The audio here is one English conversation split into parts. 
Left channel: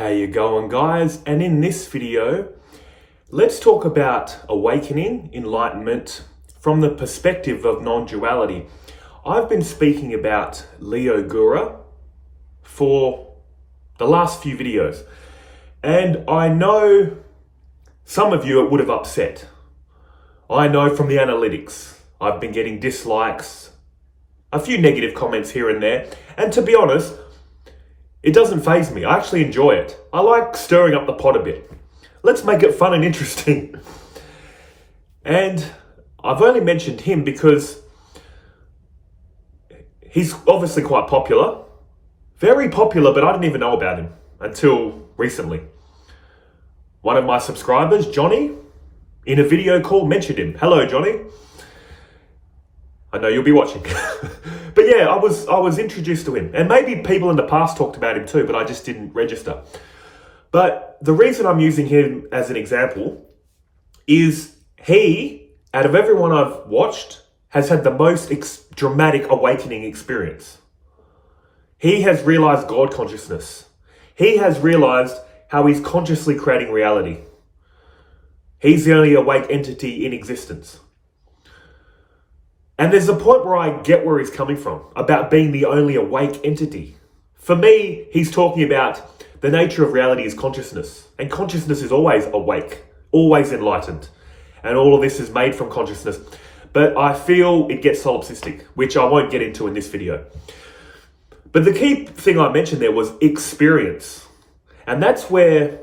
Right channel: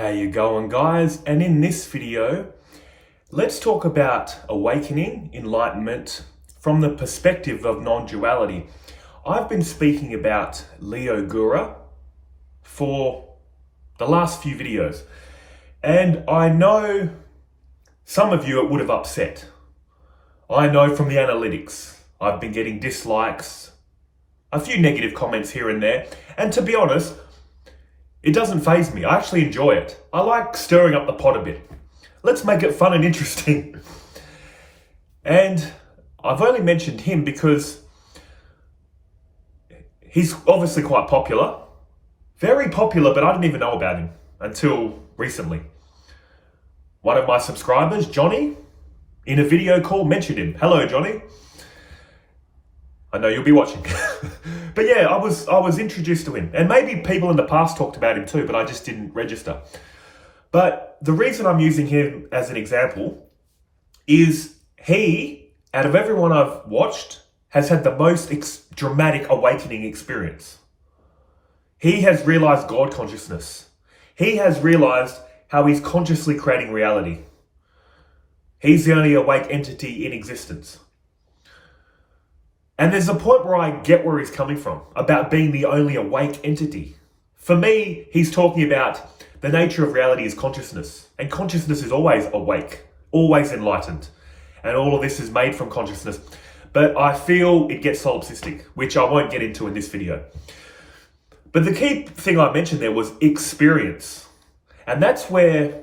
How you going, guys? And in this video, let's talk about awakening, enlightenment from the perspective of non-duality. I've been speaking about Leo Gura for the last few videos, and I know some of you it would have upset. I know from the analytics, I've been getting dislikes, a few negative comments here and there, and to be honest, it doesn't faze me. I actually enjoy it. I like stirring up the pot a bit. Let's make it fun and interesting. And I've only mentioned him because he's obviously quite popular. Very popular, but I didn't even know about him until recently. One of my subscribers, Johnny, in a video call mentioned him. Hello, Johnny. I know you'll be watching. But yeah, I was introduced to him. And maybe people in the past talked about him too, but I just didn't register. But the reason I'm using him as an example is he, out of everyone I've watched, has had the most dramatic awakening experience. He has realized God consciousness. He has realized how he's consciously creating reality. He's the only awake entity in existence. And there's a point where I get where he's coming from, about being the only awake entity. For me, he's talking about the nature of reality is consciousness. And consciousness is always awake, always enlightened. And all of this is made from consciousness. But I feel it gets solipsistic, which I won't get into in this video. But the key thing I mentioned there was experience. And that's where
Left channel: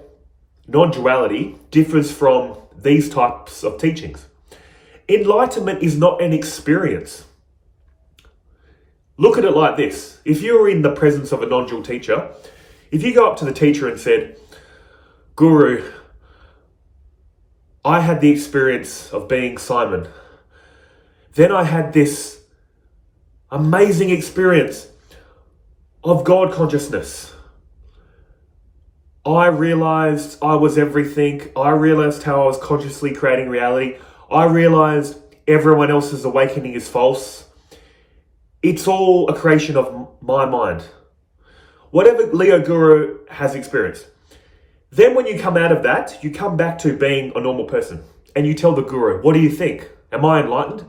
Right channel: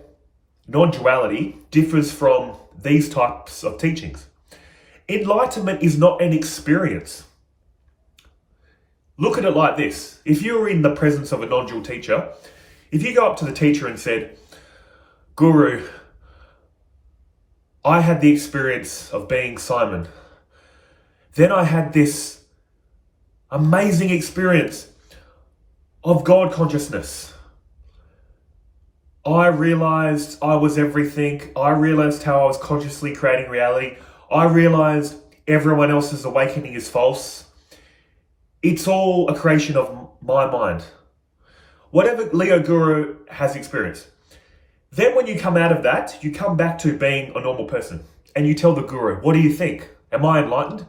non-duality differs from these types of teachings. Enlightenment is not an experience. Look at it like this. If you're in the presence of a non-dual teacher, if you go up to the teacher and said, Guru, I had the experience of being Simon. Then I had this amazing experience of God consciousness. I realized I was everything. I realized how I was consciously creating reality. I realized everyone else's awakening is false. It's all a creation of my mind. Whatever Leo Gura has experienced. Then when you come out of that, you come back to being a normal person. And you tell the Guru, what do you think? Am I enlightened?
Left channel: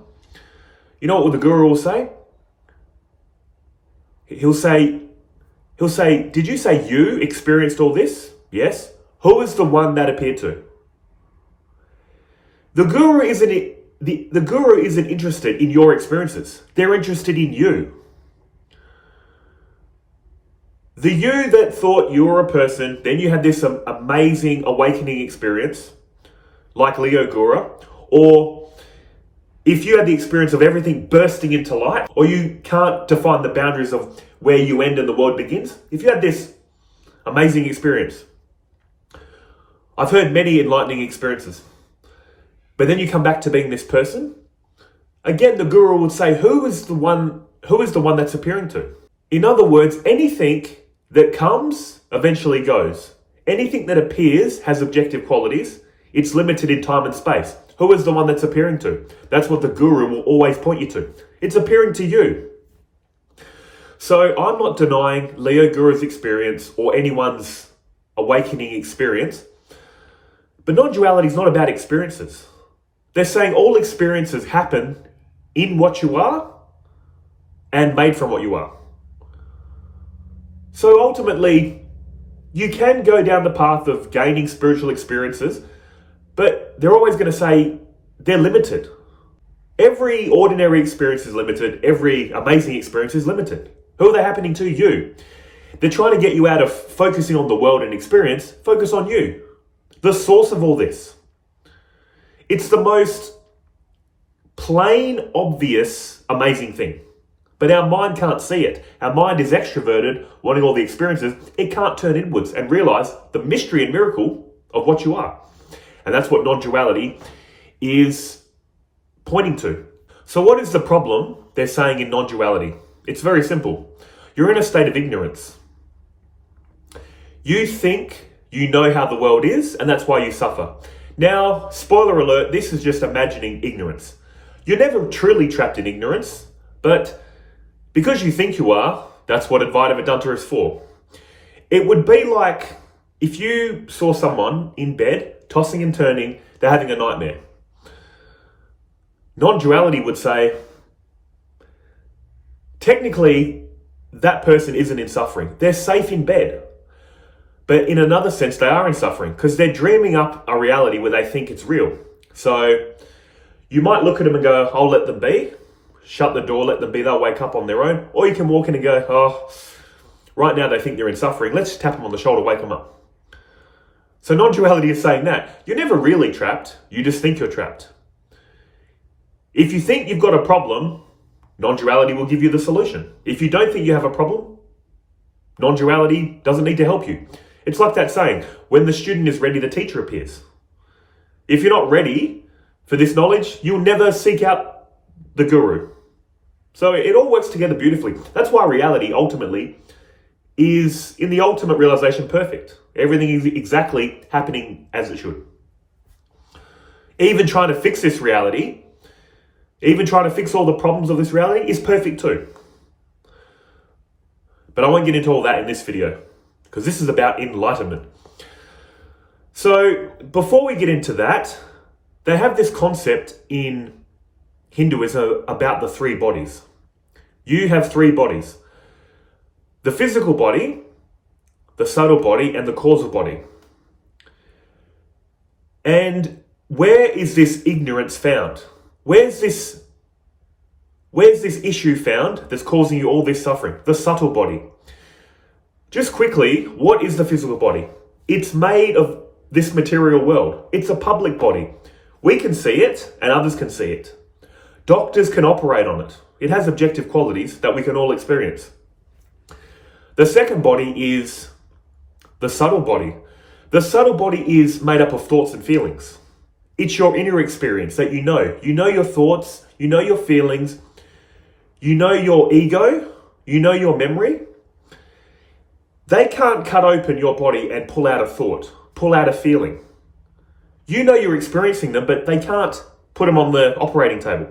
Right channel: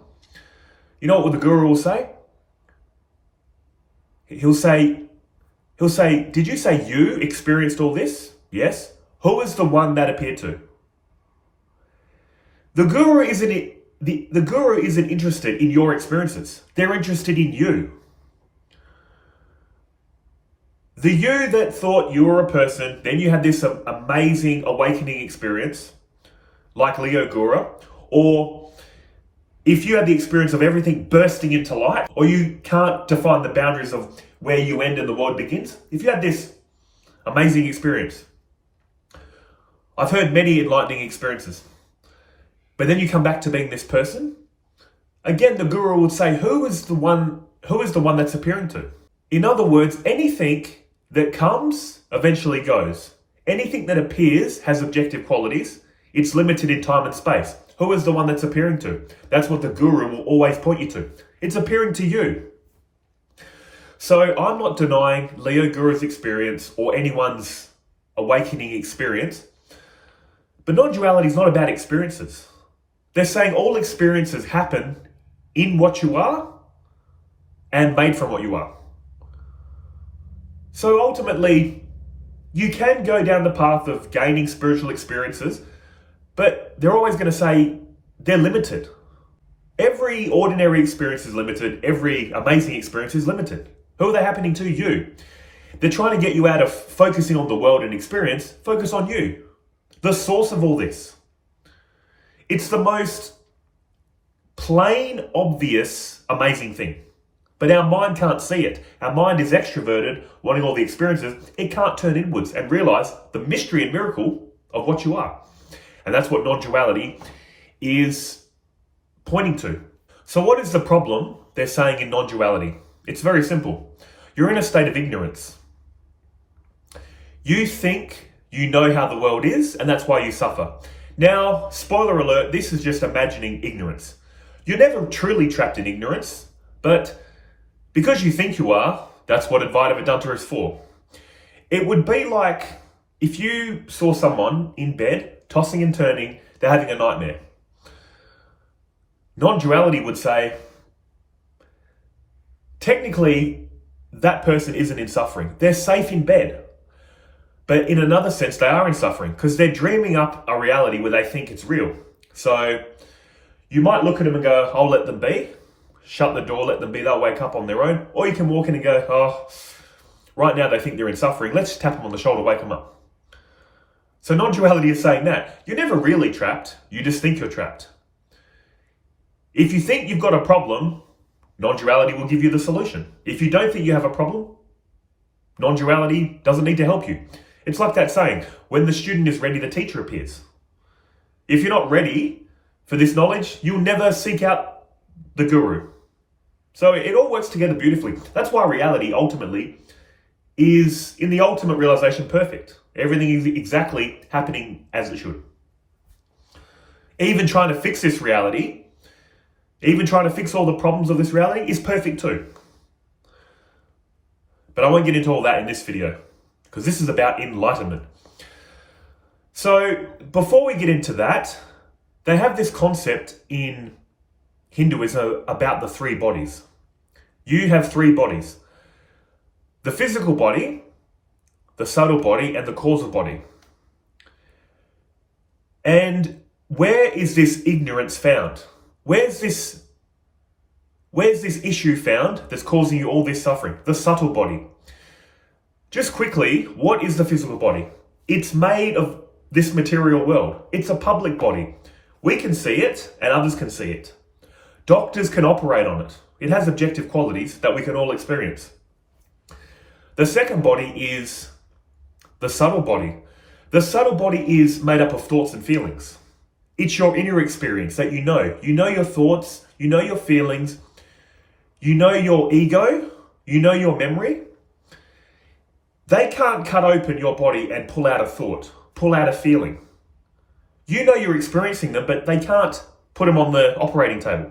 You know what the Guru will say? He'll say, did you say you experienced all this? Yes. Who is the one that appeared to? The guru isn't interested in your experiences. They're interested in you. The you that thought you were a person, then you had this amazing awakening experience, like Leo Gura, or if you had the experience of everything bursting into light, or you can't define the boundaries of where you end and the world begins, if you had this amazing experience, I've heard many enlightening experiences. But then you come back to being this person. Again, the Guru would say, who is the one that's appearing to? In other words, anything that comes eventually goes. Anything that appears has objective qualities. It's limited in time and space. Who is the one that's appearing to? That's what the Guru will always point you to. It's appearing to you. So I'm not denying Leo Guru's experience or anyone's awakening experience. But non-duality is not about experiences. They're saying all experiences happen in what you are and made from what you are. So ultimately, you can go down the path of gaining spiritual experiences, but they're always going to say they're limited. Every ordinary experience is limited. Every amazing experience is limited. Who are they happening to? You. They're trying to get you out of focusing on the world and experience. Focus on you. The source of all this. It's the most plain, obvious, amazing thing. But our mind can't see it. Our mind is extroverted, wanting all the experiences. It can't turn inwards and realize the mystery and miracle of what you are. And that's what non-duality is pointing to. So what is the problem they're saying in non-duality? It's very simple. You're in a state of ignorance. You think you know how the world is, and that's why you suffer. Now, spoiler alert, this is just imagining ignorance. You're never truly trapped in ignorance, but because you think you are, that's what Advaita Vedanta is for. It would be like if you saw someone in bed, tossing and turning, they're having a nightmare. Non-duality would say, technically, that person isn't in suffering. They're safe in bed. But in another sense, they are in suffering because they're dreaming up a reality where they think it's real. So you might look at them and go, I'll let them be. Shut the door, let them be. They'll wake up on their own. Or you can walk in and go, oh, right now they think they're in suffering. Let's tap them on the shoulder, wake them up. So non-duality is saying that you're never really trapped. You just think you're trapped. If you think you've got a problem, non-duality will give you the solution. If you don't think you have a problem, non-duality doesn't need to help you. It's like that saying, when the student is ready, the teacher appears. If you're not ready for this knowledge, you'll never seek out the guru. So it all works together beautifully. That's why reality ultimately is, in the ultimate realization, perfect. Everything is exactly happening as it should. Even trying to fix this reality, even trying to fix all the problems of this reality is perfect too. But I won't get into all that in this video because this is about enlightenment. So before we get into that, they have this concept in Hinduism about the three bodies. You have three bodies: the physical body, the subtle body, and the causal body. And where is this ignorance found? Where's this issue found that's causing you all this suffering? The subtle body. Just quickly, what is the physical body? It's made of this material world. It's a public body. We can see it and others can see it. Doctors can operate on it. It has objective qualities that we can all experience. The second body is the subtle body. The subtle body is made up of thoughts and feelings. It's your inner experience that you know. You know your thoughts, you know your feelings, you know your ego, you know your memory. They can't cut open your body and pull out a thought, pull out a feeling. You know you're experiencing them, but they can't put them on the operating table.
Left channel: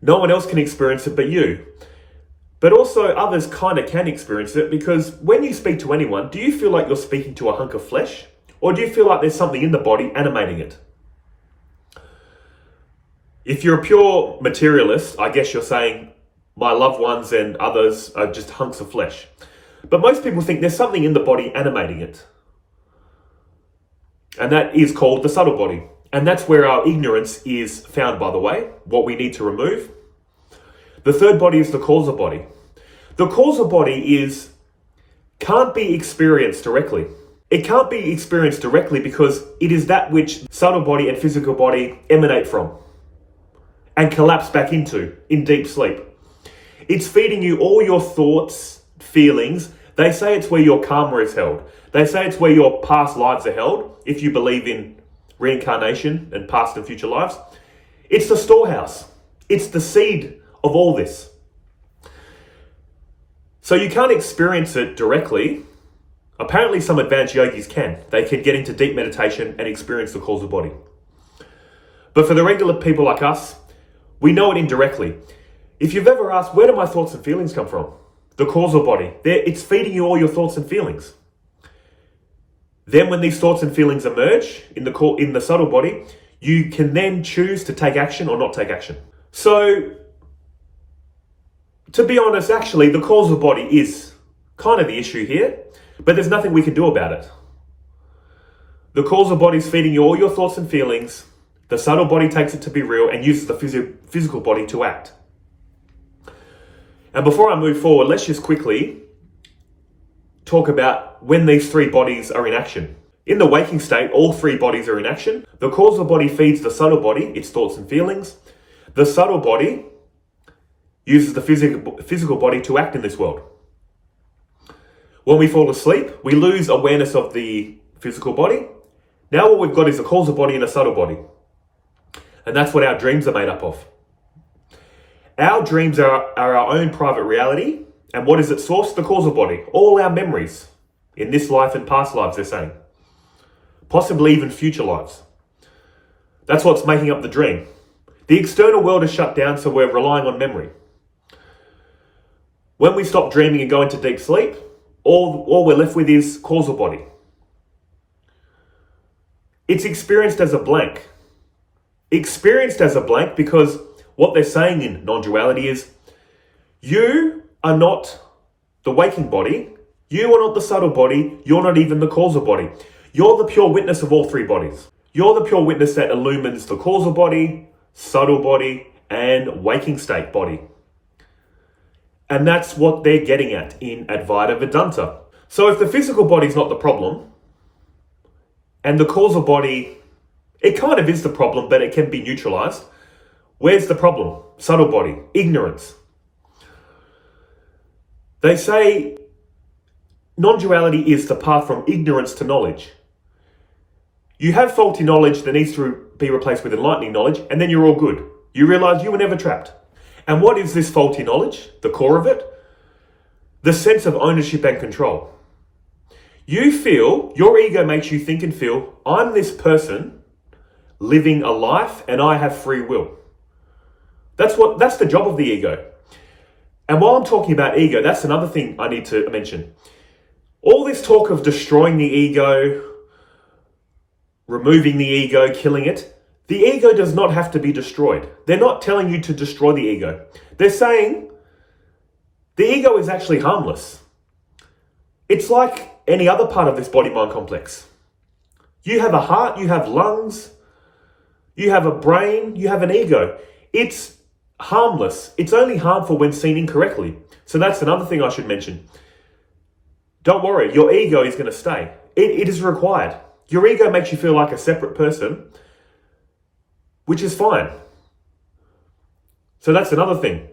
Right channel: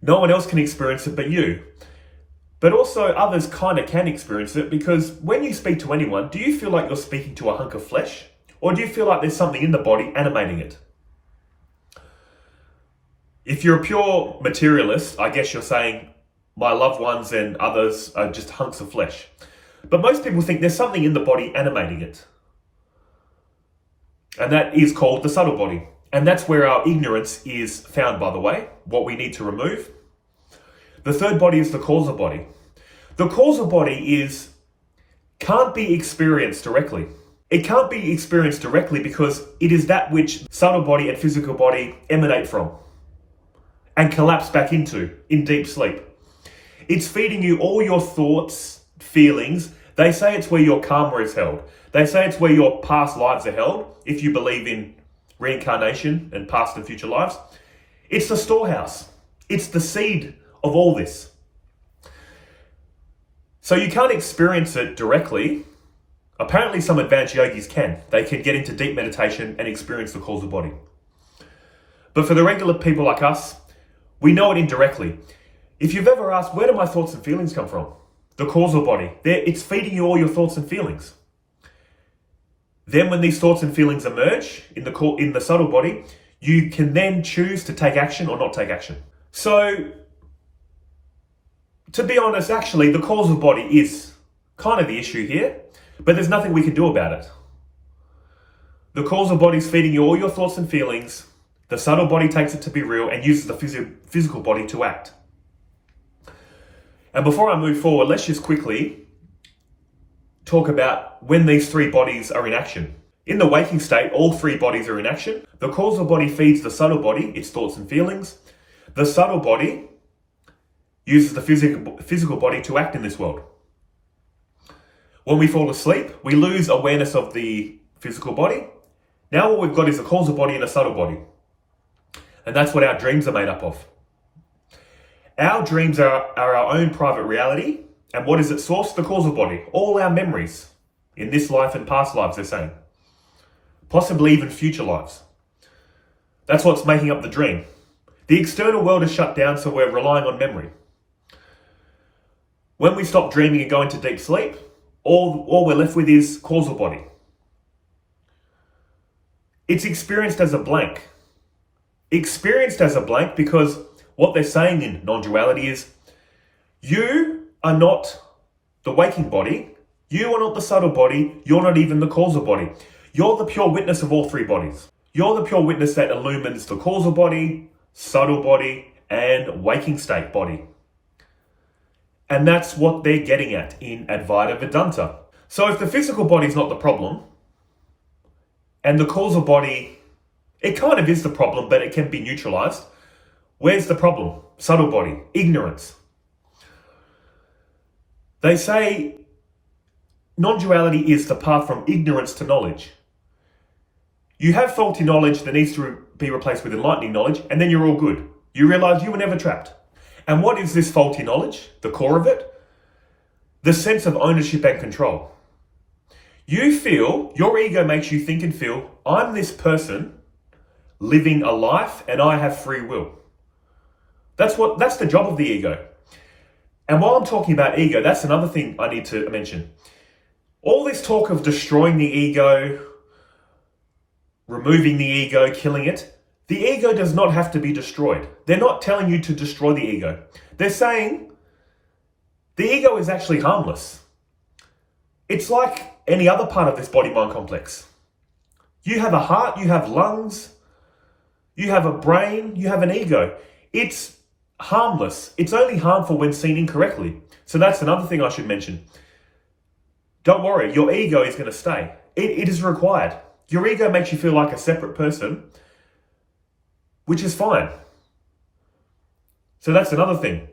No one else can experience it but you. But also others kind of can experience it, because when you speak to anyone, do you feel like you're speaking to a hunk of flesh? Or do you feel like there's something in the body animating it? If you're a pure materialist, I guess you're saying my loved ones and others are just hunks of flesh. But most people think there's something in the body animating it. And that is called the subtle body. And that's where our ignorance is found, by the way, what we need to remove. The third body is the causal body. The causal body can't be experienced directly. It can't be experienced directly because it is that which subtle body and physical body emanate from and collapse back into in deep sleep. It's feeding you all your thoughts, feelings. They say it's where your karma is held. They say it's where your past lives are held, if you believe in reincarnation and past and future lives. It's the storehouse. It's the seed of all this. So you can't experience it directly. Apparently some advanced yogis can. They can get into deep meditation and experience the causal body. But for the regular people like us, we know it indirectly. If you've ever asked, where do my thoughts and feelings come from? The causal body. It's feeding you all your thoughts and feelings. Then when these thoughts and feelings emerge in the subtle body, you can then choose to take action or not take action. So, to be honest, actually, the causal body is kind of the issue here, but there's nothing we can do about it. The causal body is feeding you all your thoughts and feelings. The subtle body takes it to be real and uses the physical body to act. And before I move forward, let's just quickly talk about when these three bodies are in action. In the waking state, all three bodies are in action. The causal body feeds the subtle body, its thoughts and feelings. The subtle body uses the physical body to act in this world. When we fall asleep, we lose awareness of the physical body. Now what we've got is a causal body and a subtle body. And that's what our dreams are made up of. Our dreams are our own private reality. And what is its source? The causal body. All our memories in this life and past lives, they're saying. Possibly even future lives. That's what's making up the dream. The external world is shut down, so we're relying on memory. When we stop dreaming and go into deep sleep, all we're left with is causal body. It's experienced as a blank. Experienced as a blank because what they're saying in non-duality is you are not the waking body, you are not the subtle body, you're not even the causal body. You're the pure witness of all three bodies. You're the pure witness that illumines the causal body, subtle body, and waking state body. And that's what they're getting at in Advaita Vedanta. So if the physical body is not the problem, and the causal body, it kind of is the problem, but it can be neutralized, where's the problem? Subtle body, ignorance. They say non-duality is the path from ignorance to knowledge. You have faulty knowledge that needs to be replaced with enlightening knowledge, and then you're all good. You realize you were never trapped. And what is this faulty knowledge? The core of it? The sense of ownership and control. You feel, your ego makes you think and feel, I'm this person living a life and I have free will. That's the job of the ego. And while I'm talking about ego, that's another thing I need to mention. All this talk of destroying the ego, removing the ego, killing it, the ego does not have to be destroyed. They're not telling you to destroy the ego. They're saying the ego is actually harmless. It's like any other part of this body-mind complex. You have a heart, you have lungs, you have a brain, you have an ego. It's harmless. It's only harmful when seen incorrectly. So that's another thing I should mention. Don't worry, your ego is going to stay. It is required. Your ego makes you feel like a separate person, which is fine. So that's another thing.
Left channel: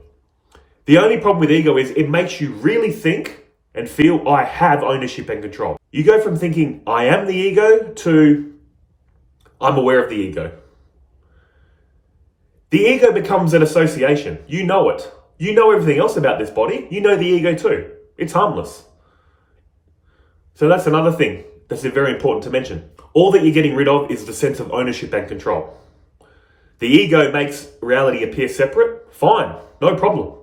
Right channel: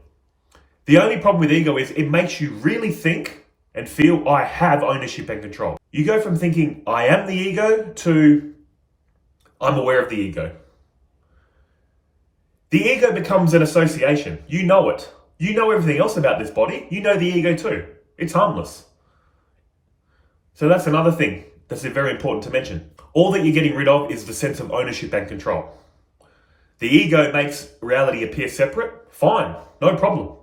The only problem with ego is it makes you really think and feel I have ownership and control. You go from thinking I am the ego to I'm aware of the ego. The ego becomes an association. You know it. You know everything else about this body. You know the ego too. It's harmless. So that's another thing that's very important to mention. All that you're getting rid of is the sense of ownership and control. The ego makes reality appear separate. Fine, no problem.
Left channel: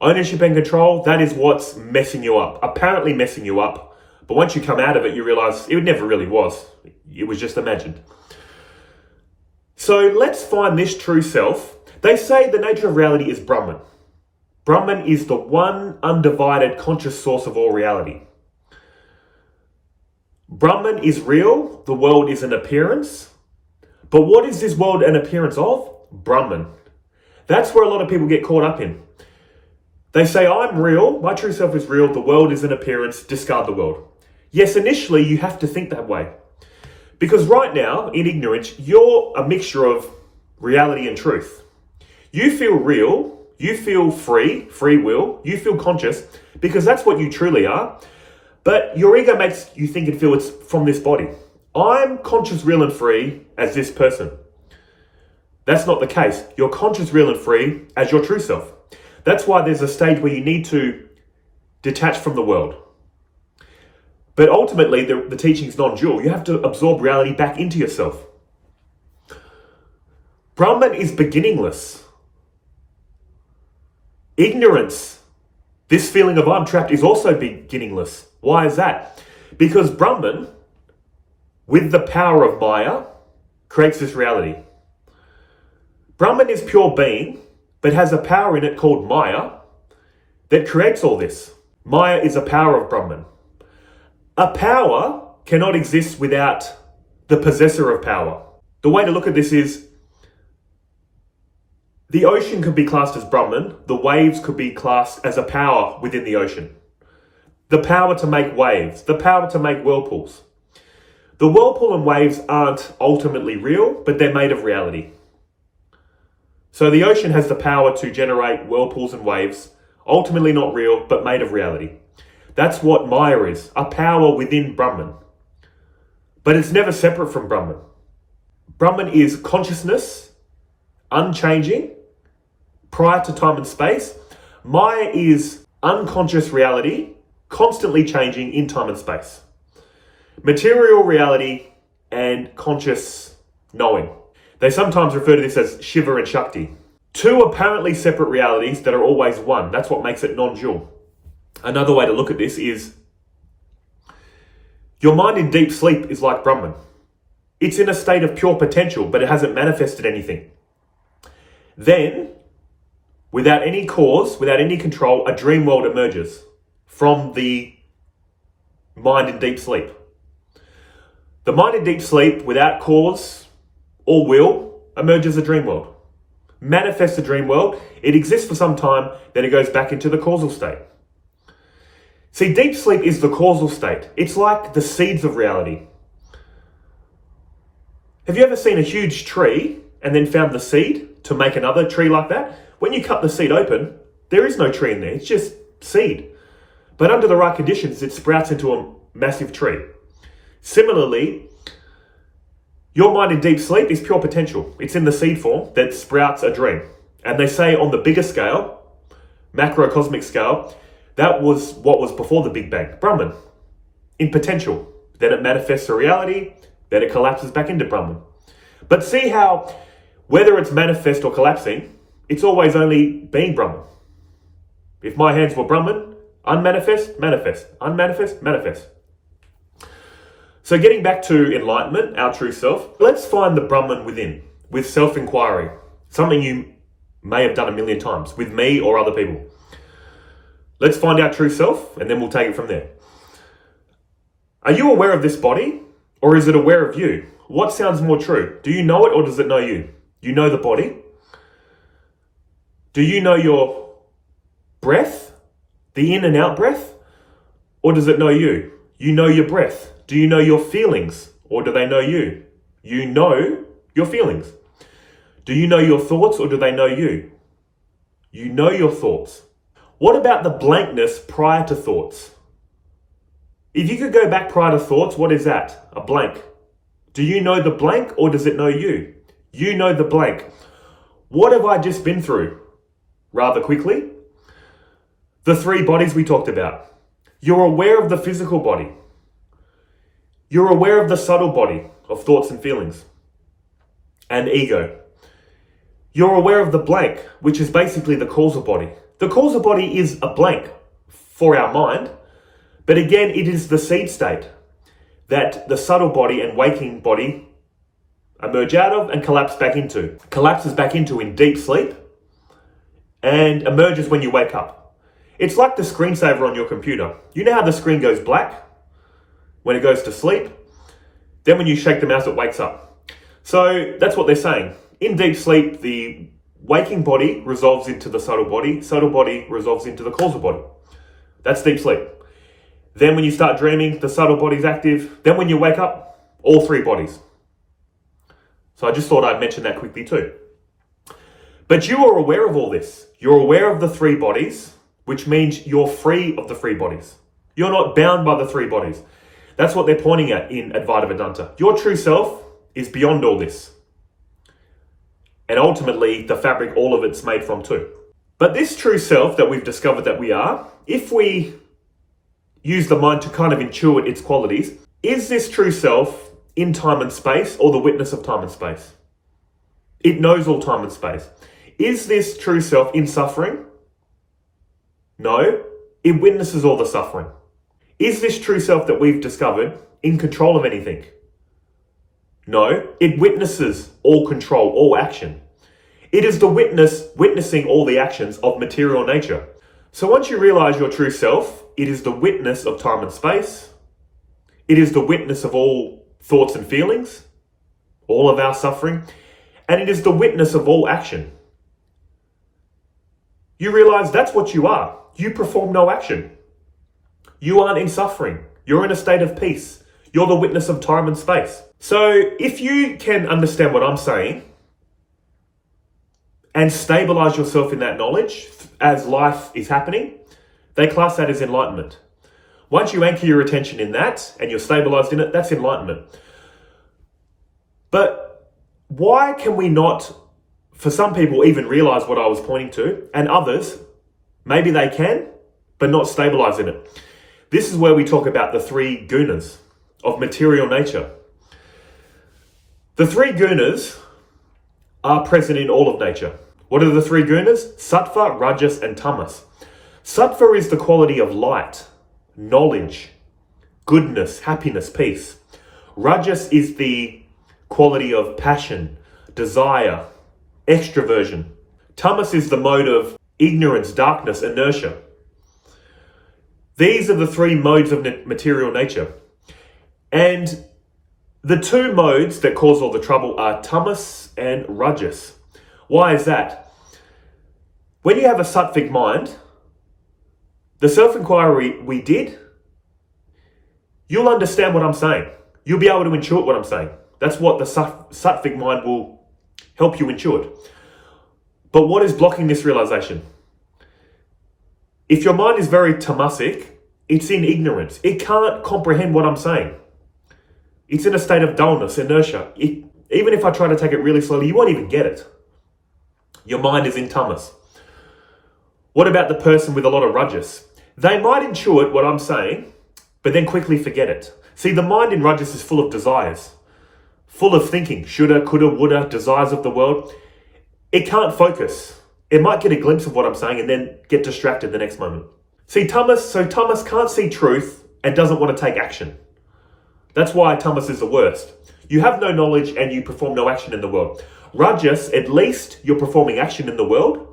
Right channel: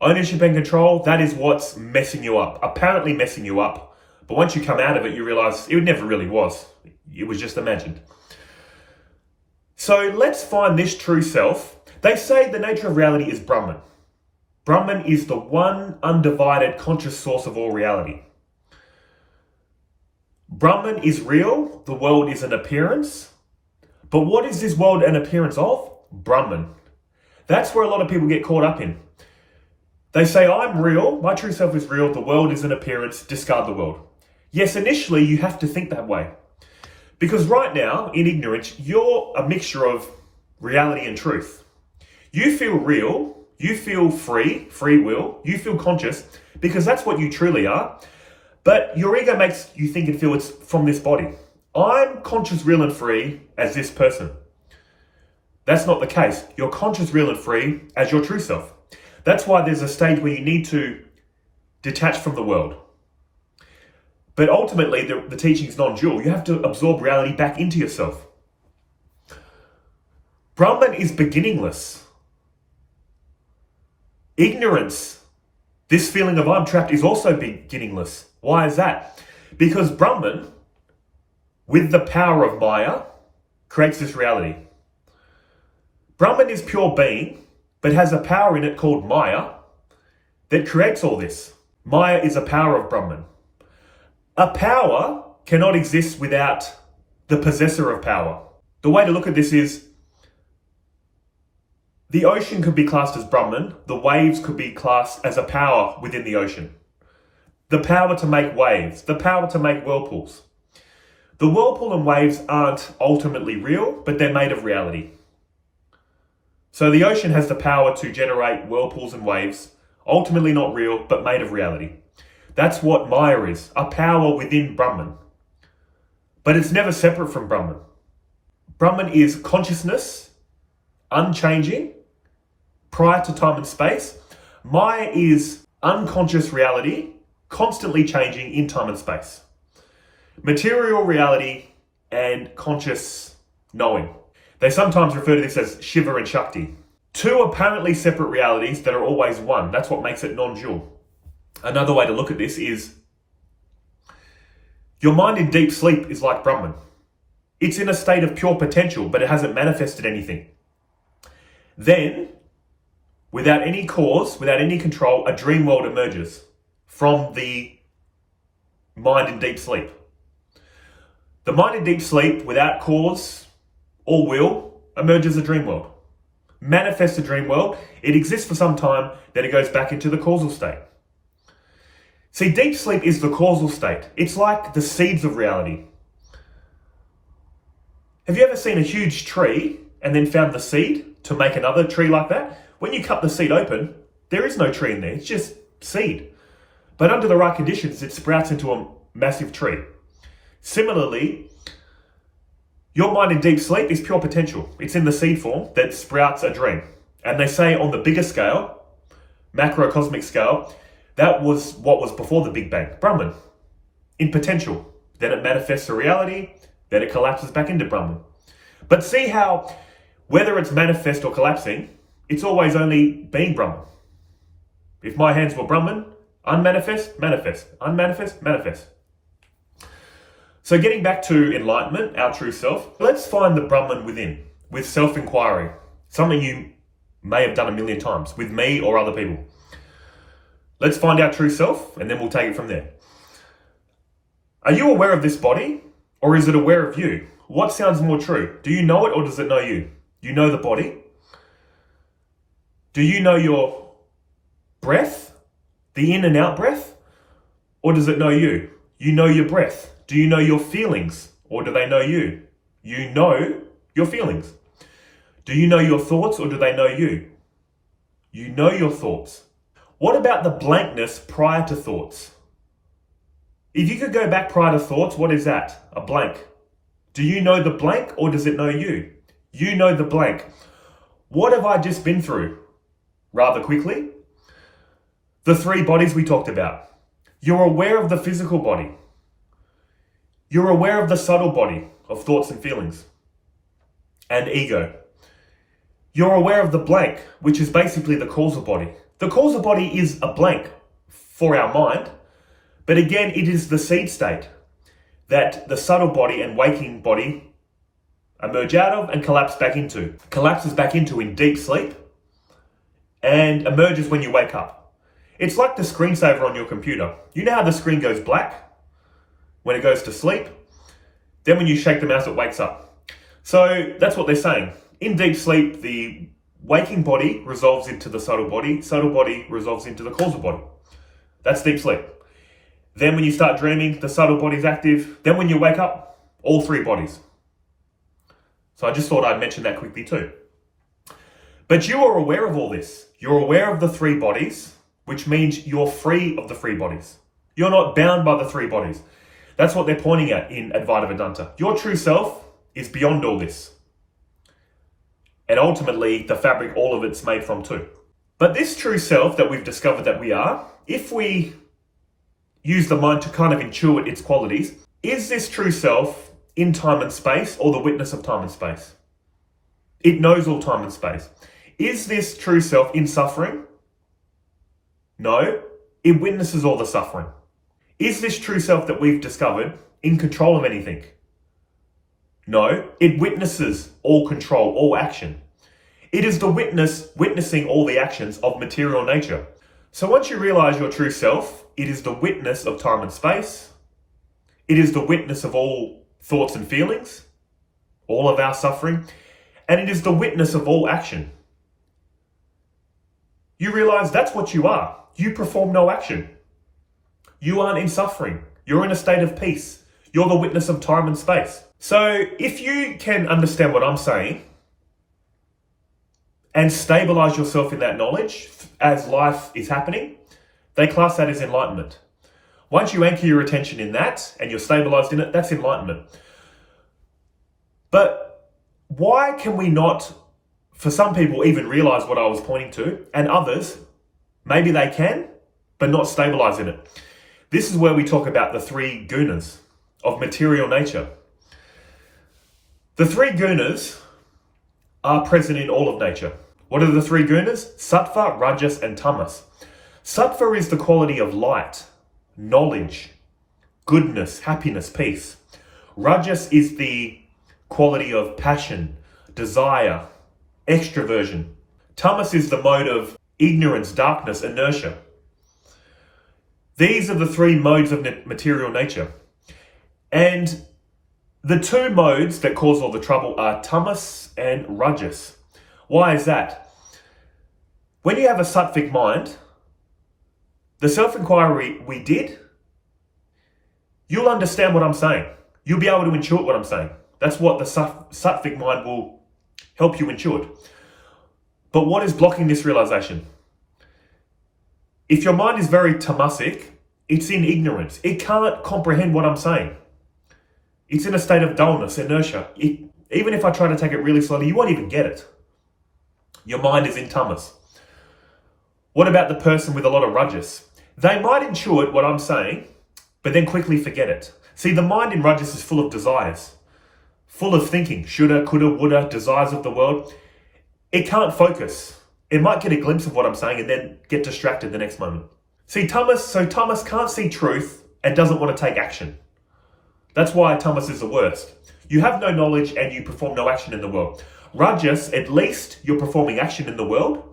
Ownership and control, that is what's messing you up. Apparently messing you up. But once you come out of it, you realize it never really was. It was just imagined. So let's find this true self. They say the nature of reality is Brahman. Brahman is the one undivided conscious source of all reality. Brahman is real. The world is an appearance. But what is this world an appearance of? Brahman. That's where a lot of people get caught up in. They say, I'm real, my true self is real, the world is an appearance, discard the world. Yes, initially you have to think that way. Because right now, in ignorance, you're a mixture of reality and truth. You feel real, you feel free will, you feel conscious, because that's what you truly are. But your ego makes you think and feel it's from this body. I'm conscious, real and free as this person. That's not the case. You're conscious, real and free as your true self. That's why there's a stage where you need to detach from the world. But ultimately, the teaching is non-dual. You have to absorb reality back into yourself. Brahman is beginningless. Ignorance, this feeling of I'm trapped, is also beginningless. Why is that? Because Brahman, with the power of Maya, creates this reality. Brahman is pure being, but has a power in it called Maya that creates all this. Maya is a power of Brahman. A power cannot exist without the possessor of power. The way to look at this is the ocean could be classed as Brahman, the waves could be classed as a power within the ocean. The power to make waves, the power to make whirlpools. The whirlpool and waves aren't ultimately real, but they're made of reality. So the ocean has the power to generate whirlpools and waves, ultimately not real, but made of reality. That's what Maya is, a power within Brahman. But it's never separate from Brahman. Brahman is consciousness, unchanging, prior to time and space. Maya is unconscious reality, constantly changing in time and space. Material reality and conscious knowing. They sometimes refer to this as Shiva and Shakti. Two apparently separate realities that are always one. That's what makes it non-dual. Another way to look at this is your mind in deep sleep is like Brahman. It's in a state of pure potential, but it hasn't manifested anything. Then, without any cause, without any control, a dream world emerges from the mind in deep sleep. The mind in deep sleep, without cause or will, emerges a dream world. Manifests a dream world. It exists for some time, then it goes back into the causal state. See, deep sleep is the causal state. It's like the seeds of reality. Have you ever seen a huge tree and then found the seed to make another tree like that? When you cut the seed open, there is no tree in there. It's just seed. But under the right conditions, it sprouts into a massive tree. Similarly, your mind in deep sleep is pure potential. It's in the seed form that sprouts a dream. And they say on the bigger scale, macrocosmic scale, that was what was before the Big Bang, Brahman, in potential. Then it manifests a reality, then it collapses back into Brahman. But see how, whether it's manifest or collapsing, it's always only being Brahman. If my hands were Brahman, unmanifest, manifest, unmanifest, manifest. So getting back to enlightenment, our true self, let's find the Brahman within, with self-inquiry, something you may have done a million times, with me or other people. Let's find our true self, and then we'll take it from there. Are you aware of this body, or is it aware of you? What sounds more true? Do you know it, or does it know you? You know the body? Do you know your breath, the in and out breath, or does it know you? You know your breath. Do you know your feelings, or do they know you? You know your feelings. Do you know your thoughts, or do they know you? You know your thoughts. What about the blankness prior to thoughts? If you could go back prior to thoughts, what is that? A blank. Do you know the blank, or does it know you? You know the blank. What have I just been through? Rather quickly, the three bodies we talked about. You're aware of the physical body. You're aware of the subtle body of thoughts and feelings and ego. You're aware of the blank, which is basically the causal body. The causal body is a blank for our mind, but again, it is the seed state that the subtle body and waking body emerge out of and collapses back into in deep sleep and emerges when you wake up. It's like the screensaver on your computer. You know how the screen goes black when it goes to sleep? Then when you shake the mouse, it wakes up. So that's what they're saying. In deep sleep, the waking body resolves into the subtle body resolves into the causal body. That's deep sleep. Then when you start dreaming, the subtle body's active. Then when you wake up, all three bodies. So I just thought I'd mention that quickly too. But you are aware of all this. You're aware of the three bodies, which means you're free of the three bodies. You're not bound by the three bodies. That's what they're pointing at in Advaita Vedanta. Your true self is beyond all this. And ultimately, the fabric, all of it's made from too. But this true self that we've discovered that we are, if we use the mind to kind of intuit its qualities, is this true self in time and space or the witness of time and space? It knows all time and space. Is this true self in suffering? No, it witnesses all the suffering. Is this true self that we've discovered in control of anything? No, it witnesses all control, all action. It is the witness witnessing all the actions of material nature. So once you realize your true self, it is the witness of time and space. It is the witness of all thoughts and feelings, all of our suffering, and it is the witness of all action. You realize that's what you are. You perform no action. You aren't in suffering. You're in a state of peace. You're the witness of time and space. So if you can understand what I'm saying and stabilize yourself in that knowledge as life is happening, they class that as enlightenment. Once you anchor your attention in that and you're stabilized in it, that's enlightenment. But why can we not, for some people, even realize what I was pointing to, and others, maybe they can, but not stabilize in it? This is where we talk about the three gunas of material nature. The three gunas are present in all of nature. What are the three gunas? Sattva, Rajas, and Tamas. Sattva is the quality of light, knowledge, goodness, happiness, peace. Rajas is the quality of passion, desire, extroversion. Tamas is the mode of ignorance, darkness, inertia. These are the three modes of material nature. And the two modes that cause all the trouble are tamas and rajas. Why is that? When you have a sattvic mind, the self-inquiry we did, you'll understand what I'm saying. You'll be able to intuit what I'm saying. That's what the sattvic mind will help you intuit. But what is blocking this realization? If your mind is very tamasic, it's in ignorance. It can't comprehend what I'm saying. It's in a state of dullness, inertia. Even if I try to take it really slowly, you won't even get it. Your mind is in tamas. What about the person with a lot of rajas? They might intuit what I'm saying, but then quickly forget it. See, the mind in rajas is full of desires, full of thinking, shoulda, coulda, woulda, desires of the world. It can't focus. It might get a glimpse of what I'm saying and then get distracted the next moment. See, tamas can't see truth and doesn't want to take action. That's why tamas is the worst. You have no knowledge and you perform no action in the world. Rajas, at least you're performing action in the world,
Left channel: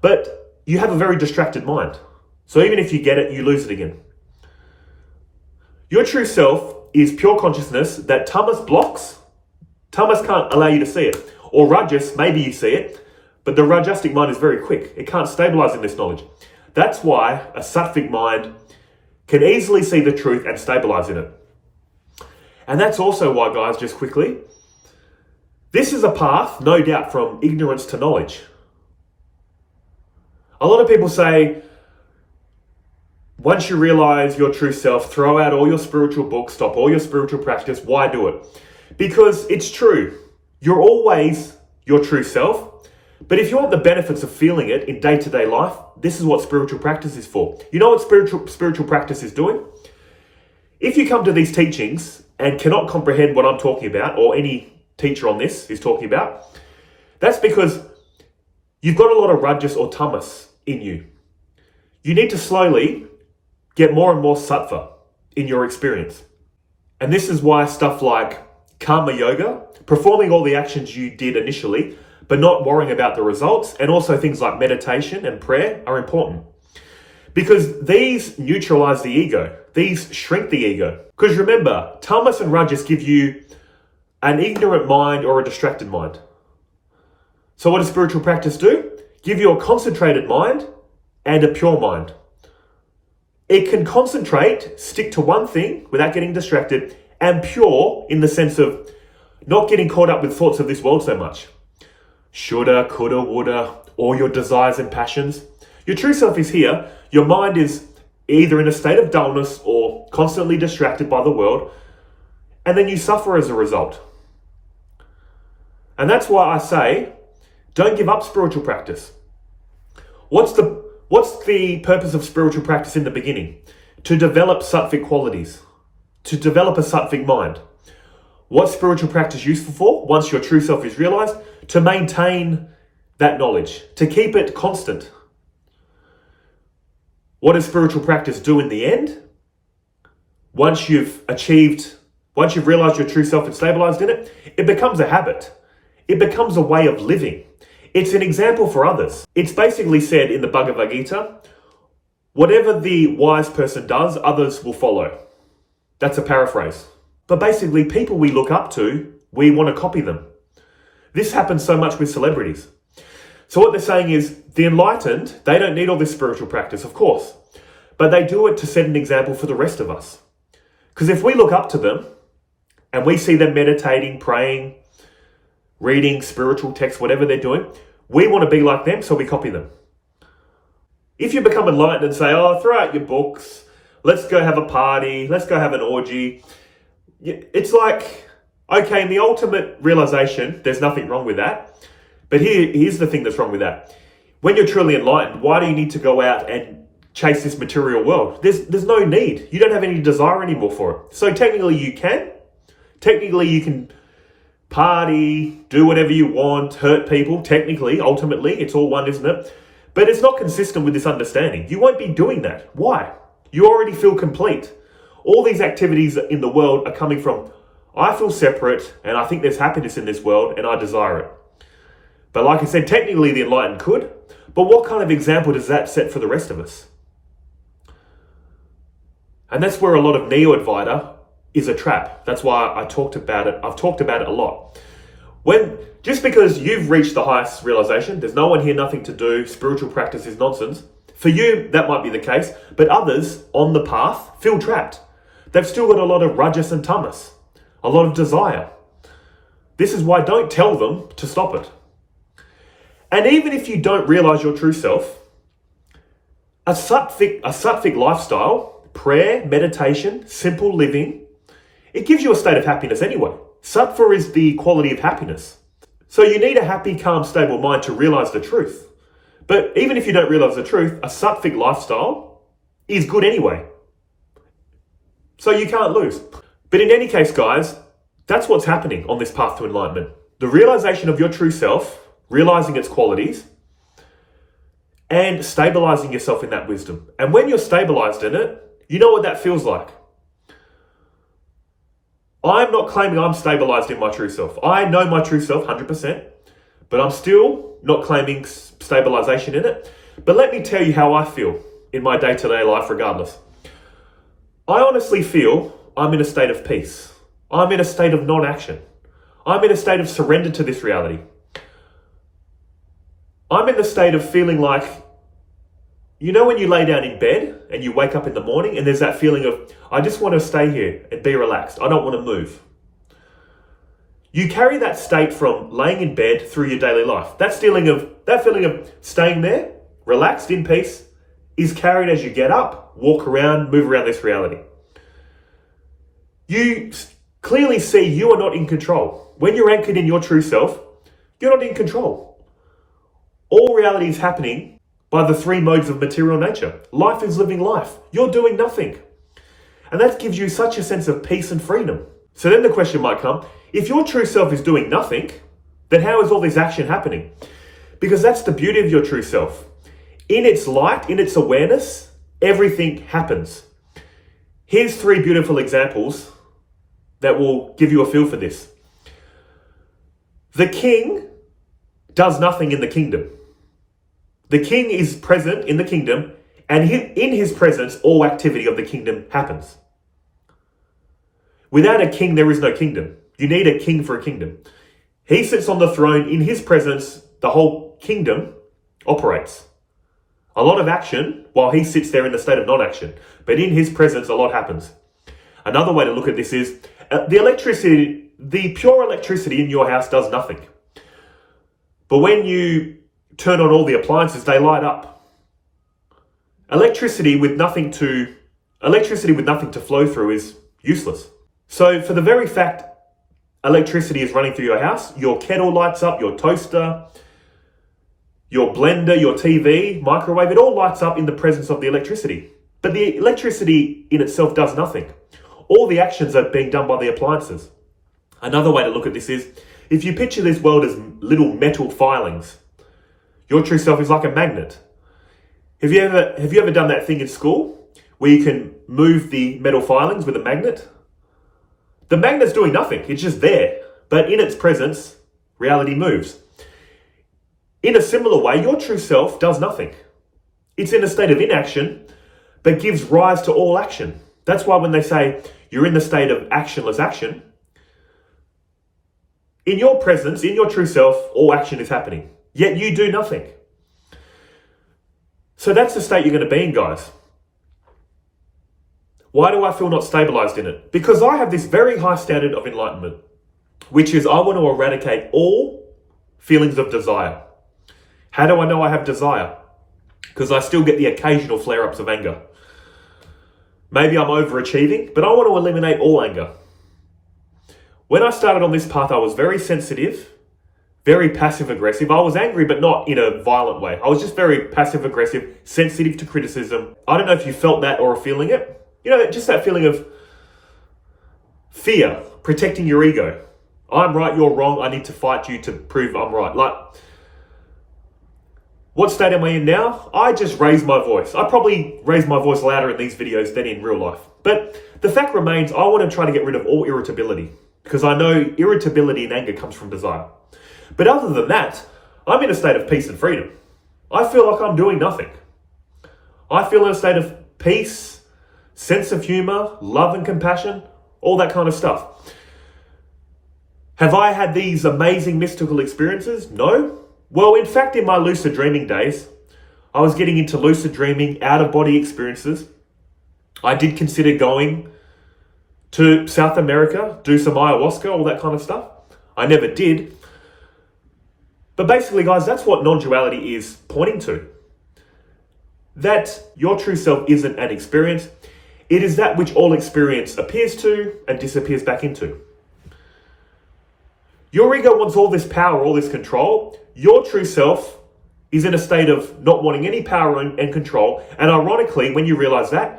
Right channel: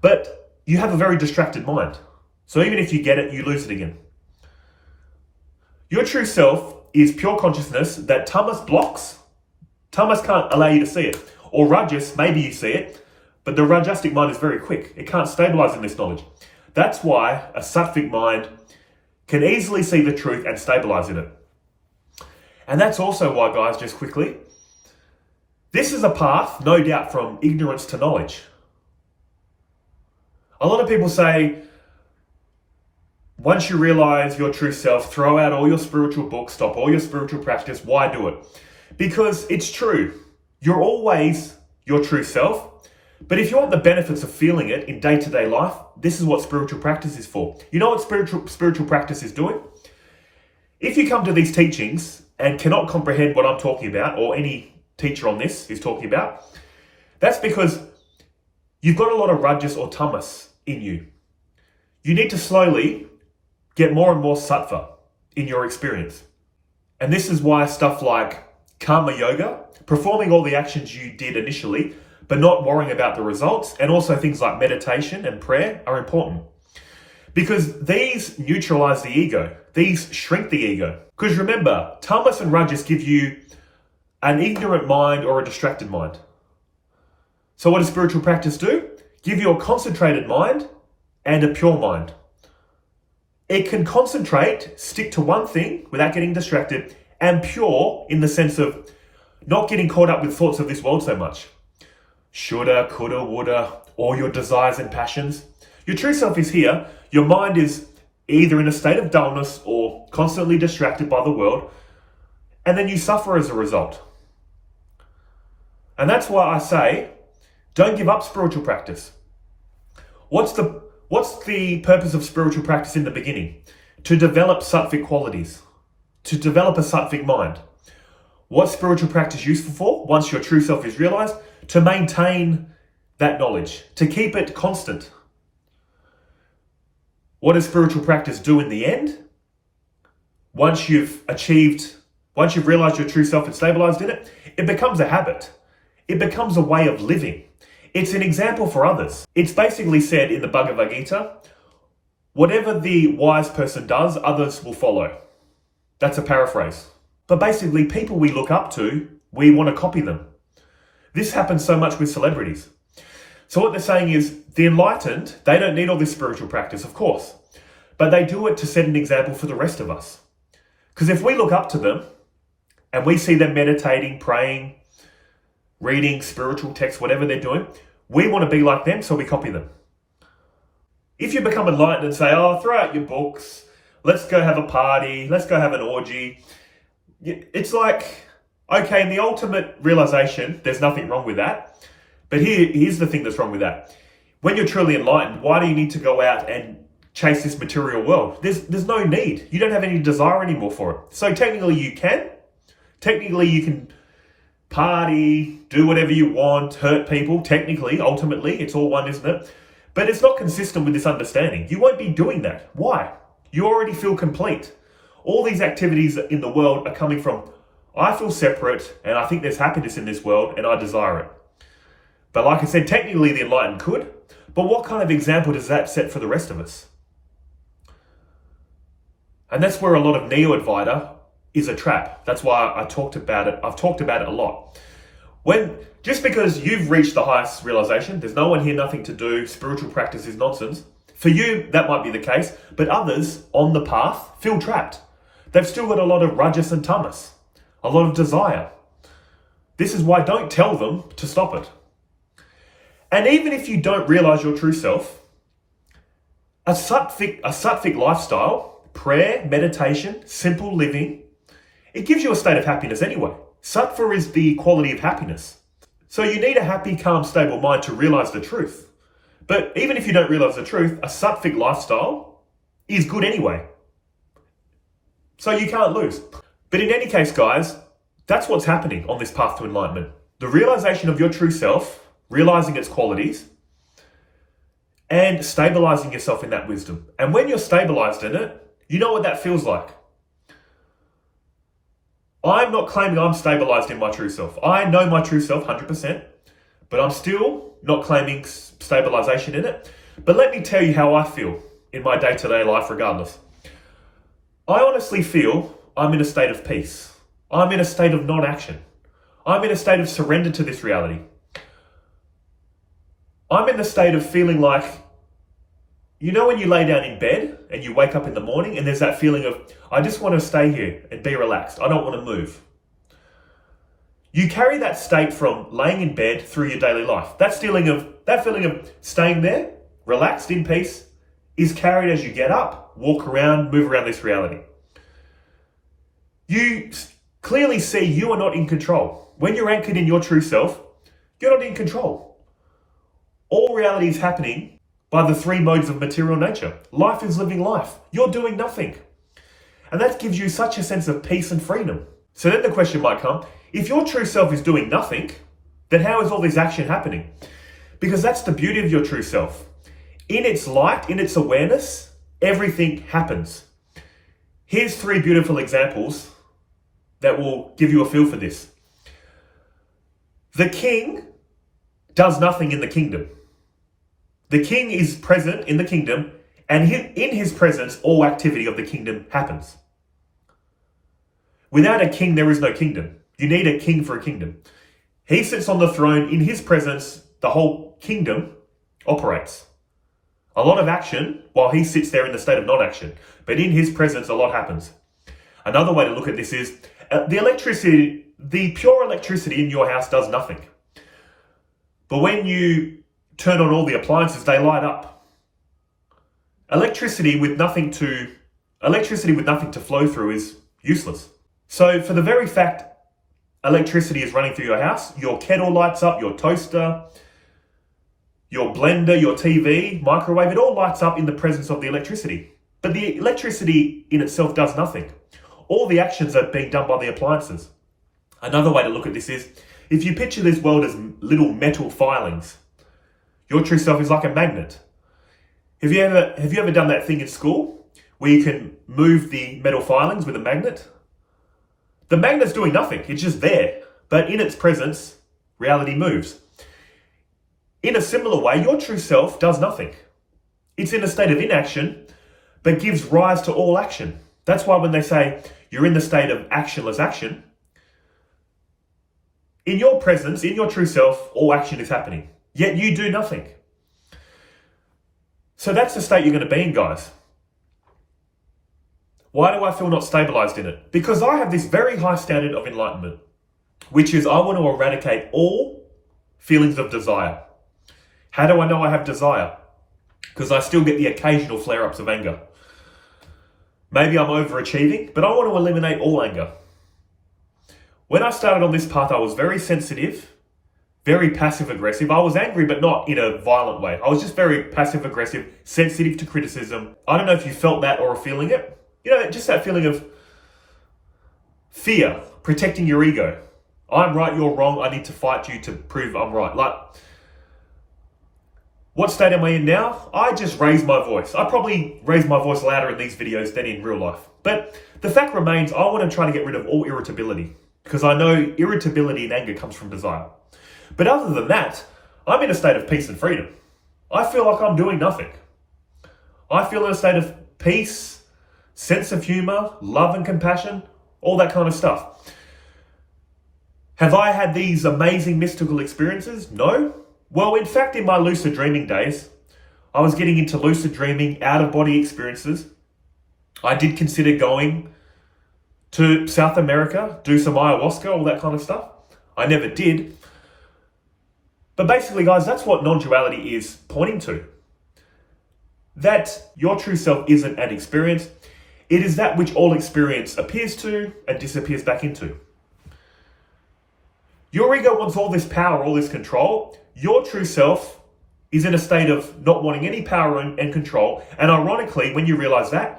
but you have a very distracted mind. So even if you get it, you lose it again. Your true self is pure consciousness that tamas blocks. Tamas can't allow you to see it. Or rajas, maybe you see it, but the rajasic mind is very quick. It can't stabilize in this knowledge. That's why a sattvic mind can easily see the truth and stabilize in it. And that's also why, guys, just quickly, this is a path, no doubt, from ignorance to knowledge. A lot of people say, once you realize your true self, throw out all your spiritual books, stop all your spiritual practice. Why do it? Because it's true. You're always your true self. But if you want the benefits of feeling it in day-to-day life, this is what spiritual practice is for. You know what spiritual practice is doing? If you come to these teachings and cannot comprehend what I'm talking about, or any teacher on this is talking about, that's because you've got a lot of rajas or tamas in you. You need to slowly get more and more sattva in your experience. And this is why stuff like karma yoga, performing all the actions you did initially, but not worrying about the results, and also things like meditation and prayer are important. Because these neutralize the ego. These shrink the ego. Because remember, tamas and rajas give you an ignorant mind or a distracted mind. So what does spiritual practice do? Give you a concentrated mind and a pure mind. It can concentrate, stick to one thing without getting distracted, and pure in the sense of not getting caught up with thoughts of this world so much. Shoulda, coulda, woulda, all your desires and passions. Your true self is here. Your mind is either in a state of dullness or constantly distracted by the world, and then you suffer as a result. And that's why I say, don't give up spiritual practice. What's the purpose of spiritual practice in the beginning? To develop sattvic qualities, to develop a sattvic mind. What's spiritual practice useful for? Once your true self is realized, to maintain that knowledge, to keep it constant. What does spiritual practice do in the end? Once you've realized your true self and stabilized in it, it becomes a habit. It becomes a way of living. It's an example for others. It's basically said in the Bhagavad Gita, whatever the wise person does, others will follow. That's a paraphrase. But basically, people we look up to, we want to copy them. This happens so much with celebrities. So what they're saying is, the enlightened, they don't need all this spiritual practice, of course. But they do it to set an example for the rest of us. Because if we look up to them, and we see them meditating, praying, reading spiritual texts, whatever they're doing, we want to be like them, so we copy them. If you become enlightened and say, oh, throw out your books, let's go have a party, let's go have an orgy, it's like, okay, in the ultimate realization, there's nothing wrong with that. But here's the thing that's wrong with that. When you're truly enlightened, why do you need to go out and chase this material world? There's no need. You don't have any desire anymore for it. So technically you can. Technically you can party, do whatever you want, hurt people. Technically, ultimately, it's all one, isn't it? But it's not consistent with this understanding. You won't be doing that. Why? You already feel complete. All these activities in the world are coming from, I feel separate and I think there's happiness in this world and I desire it. But like I said, technically the enlightened could, but what kind of example does that set for the rest of us? And that's where a lot of neo-advaita is a trap. That's why I talked about it. I've talked about it a lot. Just because you've reached the highest realization, there's no one here, nothing to do, spiritual practice is nonsense. For you, that might be the case, but others on the path feel trapped. They've still got a lot of rajas and tamas, a lot of desire. This is why don't tell them to stop it. And even if you don't realize your true self, a sattvic lifestyle, prayer, meditation, simple living, it gives you a state of happiness anyway. Sattva is the quality of happiness. So you need a happy, calm, stable mind to realize the truth. But even if you don't realize the truth, a sattvic lifestyle is good anyway. So you can't lose. But in any case, guys, that's what's happening on this path to enlightenment. The realization of your true self, realizing its qualities, and stabilizing yourself in that wisdom. And when you're stabilized in it, you know what that feels like. I'm not claiming I'm stabilized in my true self. I know my true self 100%, but I'm still not claiming stabilization in it. But let me tell you how I feel in my day-to-day life regardless. I honestly feel I'm in a state of peace. I'm in a state of non-action. I'm in a state of surrender to this reality. I'm in the state of feeling like, you know when you lay down in bed and you wake up in the morning and there's that feeling of, I just want to stay here and be relaxed. I don't want to move. You carry that state from laying in bed through your daily life. That feeling of staying there, relaxed, in peace, is carried as you get up, walk around, move around this reality. You clearly see you are not in control. When you're anchored in your true self, you're not in control. All reality is happening by the three modes of material nature. Life is living life. You're doing nothing. And that gives you such a sense of peace and freedom. So then the question might come, if your true self is doing nothing, then how is all this action happening? Because that's the beauty of your true self. In its light, in its awareness, everything happens. Here's three beautiful examples that will give you a feel for this. The king does nothing in the kingdom. The king is present in the kingdom, and in his presence, all activity of the kingdom happens. Without a king, there is no kingdom. You need a king for a kingdom. He sits on the throne. In his presence, the whole kingdom operates. A lot of action while he sits there in the state of non-action. But in his presence, a lot happens. Another way to look at this is the pure electricity in your house does nothing. But when you turn on all the appliances, they light up. Electricity with nothing to flow through is useless. So for the very fact electricity is running through your house, your kettle lights up, your toaster, your blender, your TV, microwave, it all lights up in the presence of the electricity. But the electricity in itself does nothing. All the actions are being done by the appliances. Another way to look at this is, if you picture this world as little metal filings, your true self is like a magnet. Have you ever done that thing in school where you can move the metal filings with a magnet? The magnet's doing nothing. It's just there. But in its presence, reality moves. In a similar way, your true self does nothing. It's in a state of inaction, but gives rise to all action. That's why when they say you're in the state of actionless action, in your presence, in your true self, all action is happening. Yet you do nothing. So that's the state you're going to be in, guys. Why do I feel not stabilized in it? Because I have this very high standard of enlightenment, which is I want to eradicate all feelings of desire. How do I know I have desire? Because I still get the occasional flare-ups of anger. Maybe I'm overachieving, but I want to eliminate all anger. When I started on this path, I was very sensitive, very passive-aggressive. I was angry, but not in a violent way. I was just very passive-aggressive, sensitive to criticism. I don't know if you felt that or are feeling it. You know, just that feeling of fear, protecting your ego. I'm right, you're wrong. I need to fight you to prove I'm right. Like, what state am I in now? I just raise my voice. I probably raise my voice louder in these videos than in real life. But the fact remains, I want to try to get rid of all irritability. because I know irritability and anger comes from desire. But other than that, I'm in a state of peace and freedom. I feel like I'm doing nothing. I feel in a state of peace, sense of humor, love and compassion, all that kind of stuff. Have I had these amazing mystical experiences? No. Well, in fact, in my lucid dreaming days, I was getting into lucid dreaming, out-of-body experiences. I did consider going to South America, do some ayahuasca, all that kind of stuff. I never did. But basically, guys, that's what non-duality is pointing to. That your true self isn't an experience. It is that which all experience appears to and disappears back into. Your ego wants all this power, all this control. Your true self is in a state of not wanting any power and control. And ironically, when you realize that,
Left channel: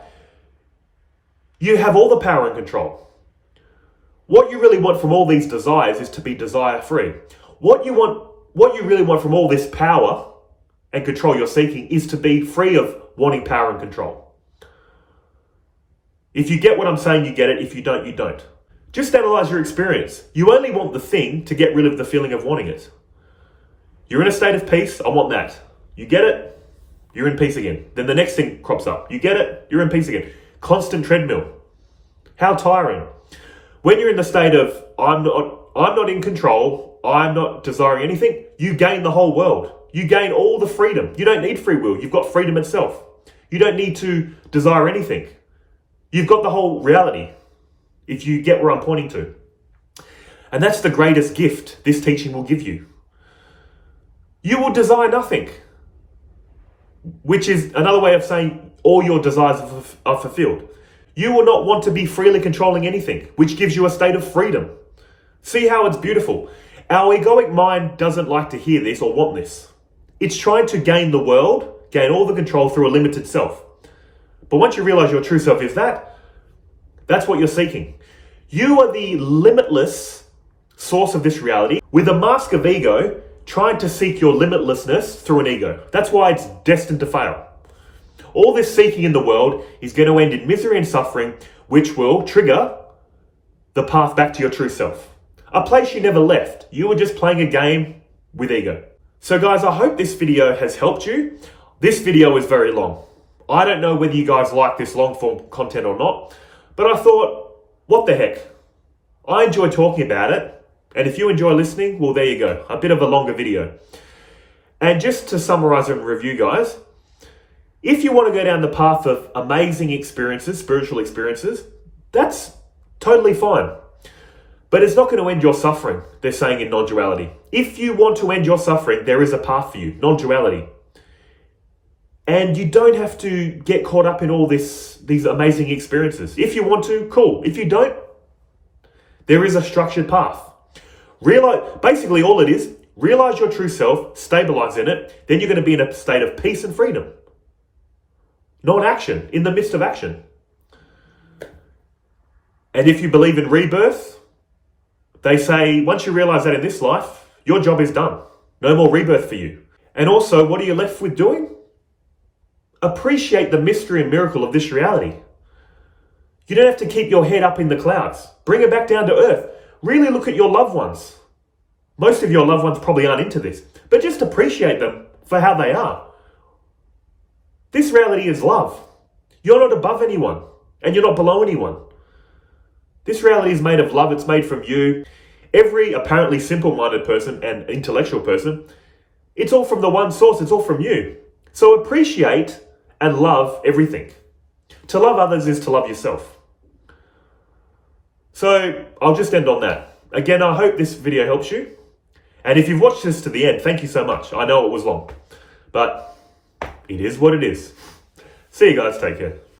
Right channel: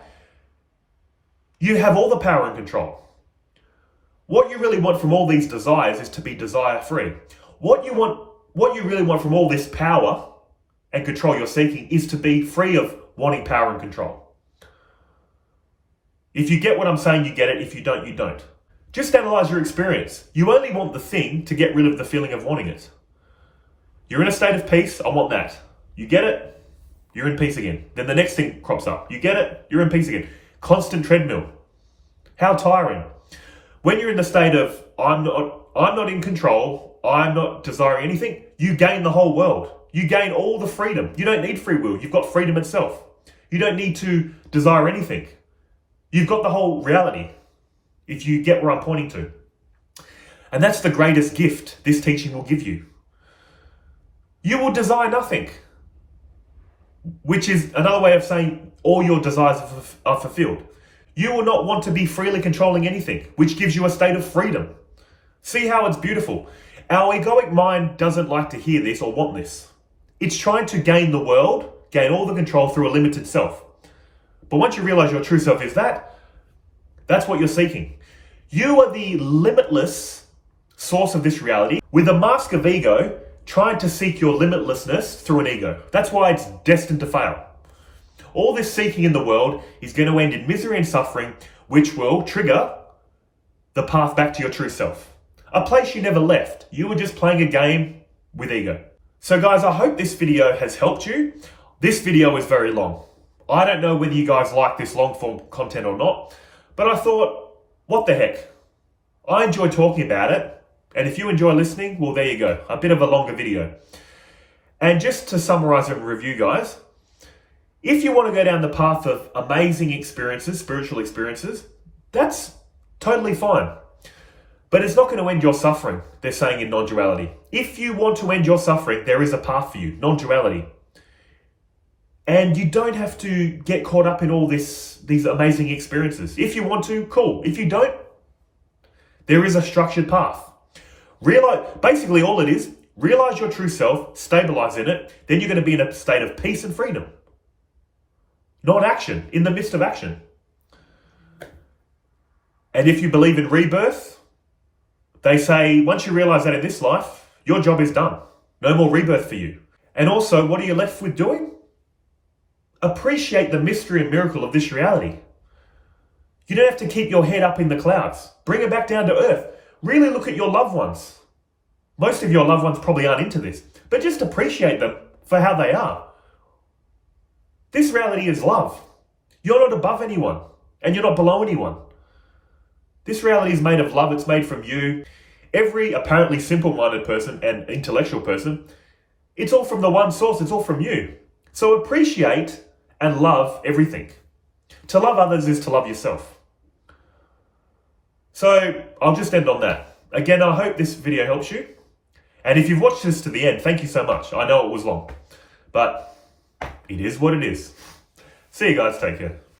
you have all the power and control. What you really want from all these desires is to be desire-free. What you really want from all this power and control you're seeking is to be free of wanting power and control. If you get what I'm saying, you get it. If you don't, you don't. Just analyze your experience. You only want the thing to get rid of the feeling of wanting it. You're in a state of peace. I want that. You get it. You're in peace again. Then the next thing crops up. You get it. You're in peace again. Constant treadmill. How tiring. When you're in the state of, I'm not in control, I'm not desiring anything, you gain the whole world. You gain all the freedom. You don't need free will. You've got freedom itself. You don't need to desire anything. You've got the whole reality, if you get where I'm pointing to. And that's the greatest gift this teaching will give you. You will desire nothing, which is another way of saying all your desires are fulfilled. You will not want to be freely controlling anything, which gives you a state of freedom. See how it's beautiful. Our egoic mind doesn't like to hear this or want this. It's trying to gain the world, gain all the control through a limited self. But once you realize your true self is that, that's what you're seeking. You are the limitless source of this reality with a mask of ego trying to seek your limitlessness through an ego. That's why it's destined to fail. All this seeking in the world is going to end in misery and suffering, which will trigger the path back to your true self. A place you never left. You were just playing a game with ego. So guys, I hope this video has helped you. This video is very long. I don't know whether you guys like this long form content or not, but I thought, what the heck? I enjoy talking about it. And if you enjoy listening, well, there you go. A bit of a longer video. And just to summarize and review, guys, if you want to go down the path of amazing experiences, spiritual experiences, that's totally fine. But it's not going to end your suffering, they're saying in non-duality. If you want to end your suffering, there is a path for you, non-duality. And you don't have to get caught up in all these amazing experiences. If you want to, cool. If you don't, there is a structured path. Basically all it is, realize your true self, stabilize in it, then you're going to be in a state of peace and freedom. Not action, in the midst of action. And if you believe in rebirth, they say once you realize that in this life, your job is done. No more rebirth for you. And also, what are you left with doing? Appreciate the mystery and miracle of this reality. You don't have to keep your head up in the clouds. Bring it back down to earth. Really look at your loved ones. Most of your loved ones probably aren't into this, but just appreciate them for how they are. This reality is love. You're not above anyone, and you're not below anyone. This reality is made of love. It's made from you. Every apparently simple-minded person and intellectual person, it's all from the one source. It's all from you. So appreciate and love everything. To love others is to love yourself. So I'll just end on that. Again, I hope this video helps you. And if you've watched this to the end, thank you so much. I know it was long, but it is what it is. See you guys. Take care.